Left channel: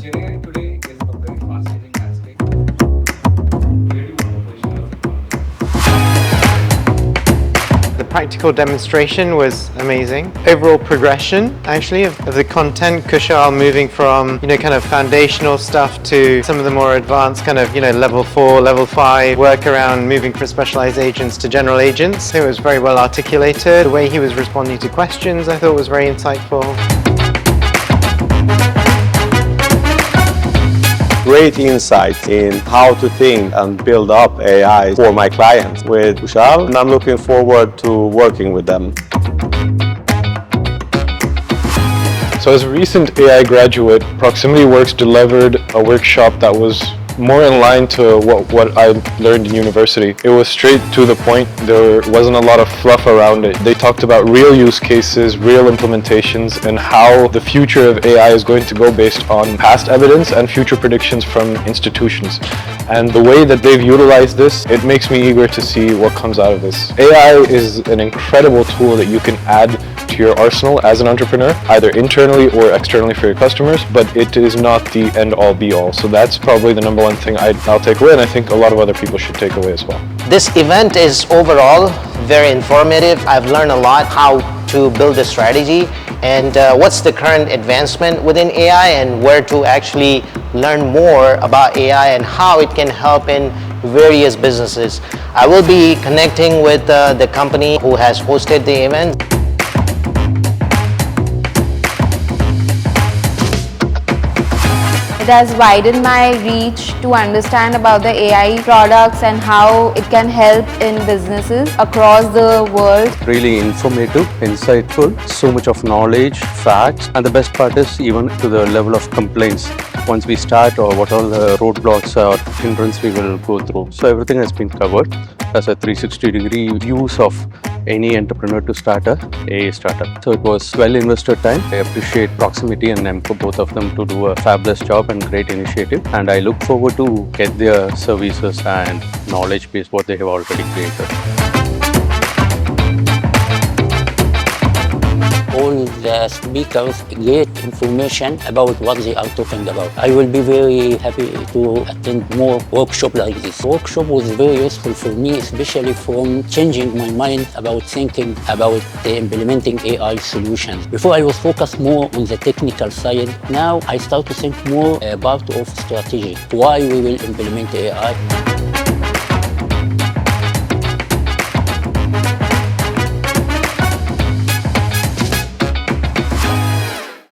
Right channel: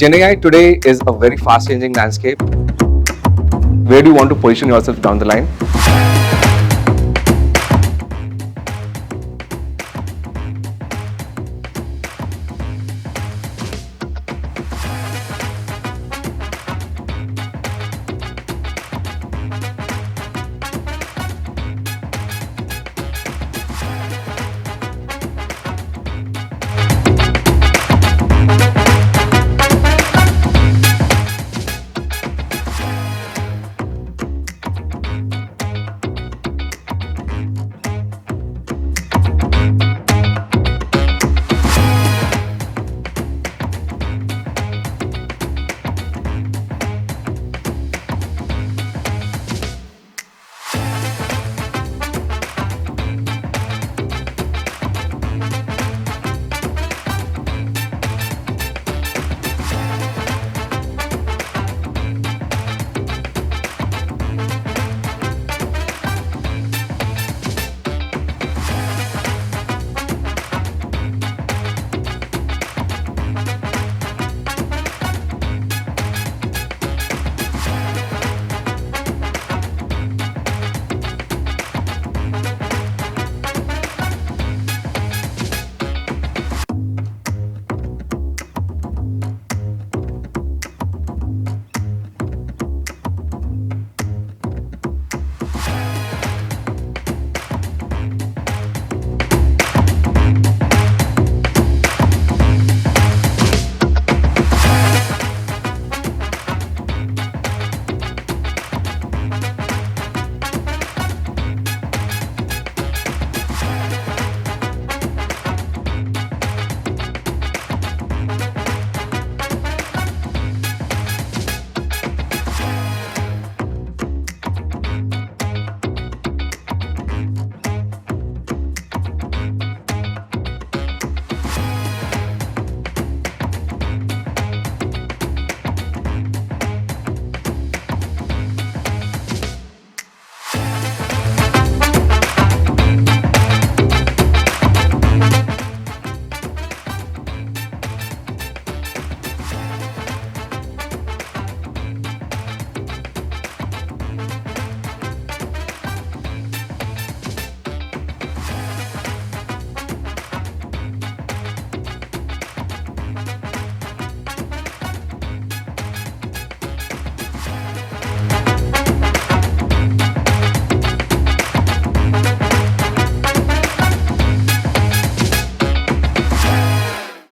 Gen AI today is a very fast-changing landscape. Where do you want to position yourself down the line? The practical demonstration was amazing. Overall progression, actually, of the content, Kushal moving from, kind of foundational stuff to some of the more advanced kind of, level 4, level 5 work around moving from specialized agents to general agents. It was very well articulated. The way he was responding to questions, I thought was very insightful. Great insight in how to think and build up AI for my clients with Kushal, and I'm looking forward to working with them. So as a recent AI graduate, Proximity Works delivered a workshop that was more in line to what I learned in university. It was straight to the point. There wasn't a lot of fluff around it. They talked about real use cases, real implementations, and how the future of AI is going to go based on past evidence and future predictions from institutions. And the way that they've utilized this, it makes me eager to see what comes out of this. AI is an incredible tool that you can add to your arsenal as an entrepreneur, either internally or externally for your customers, but it is not the end-all be-all. So that's probably the number one thing I'll take away, and I think a lot of other people should take away as well. This event is overall very informative. I've learned a lot how to build a strategy and what's the current advancement within AI and where to actually learn more about AI and how it can help in various businesses. I will be connecting with the company who has hosted the event. It has widened my reach to understand about the AI products and how it can help in businesses across the world. Really informative, insightful, so much of knowledge, facts, and the best part is even to the level of complaints. Once we start, or what all the roadblocks or hindrance we will go through. So everything has been covered as a 360-degree use of any entrepreneur to start a AI startup. So it was well invested time. I appreciate Proximity and Nemco, both of them, to do a fabulous job and great initiative. And I look forward to get their services and knowledge base what they have already created. The speakers great information about what they are talking about. I will be very happy to attend more workshops like this. Workshop was very useful for me, especially from changing my mind about thinking about implementing AI solutions. Before I was focused more on the technical side. Now I start to think more about of strategy, why we will implement AI.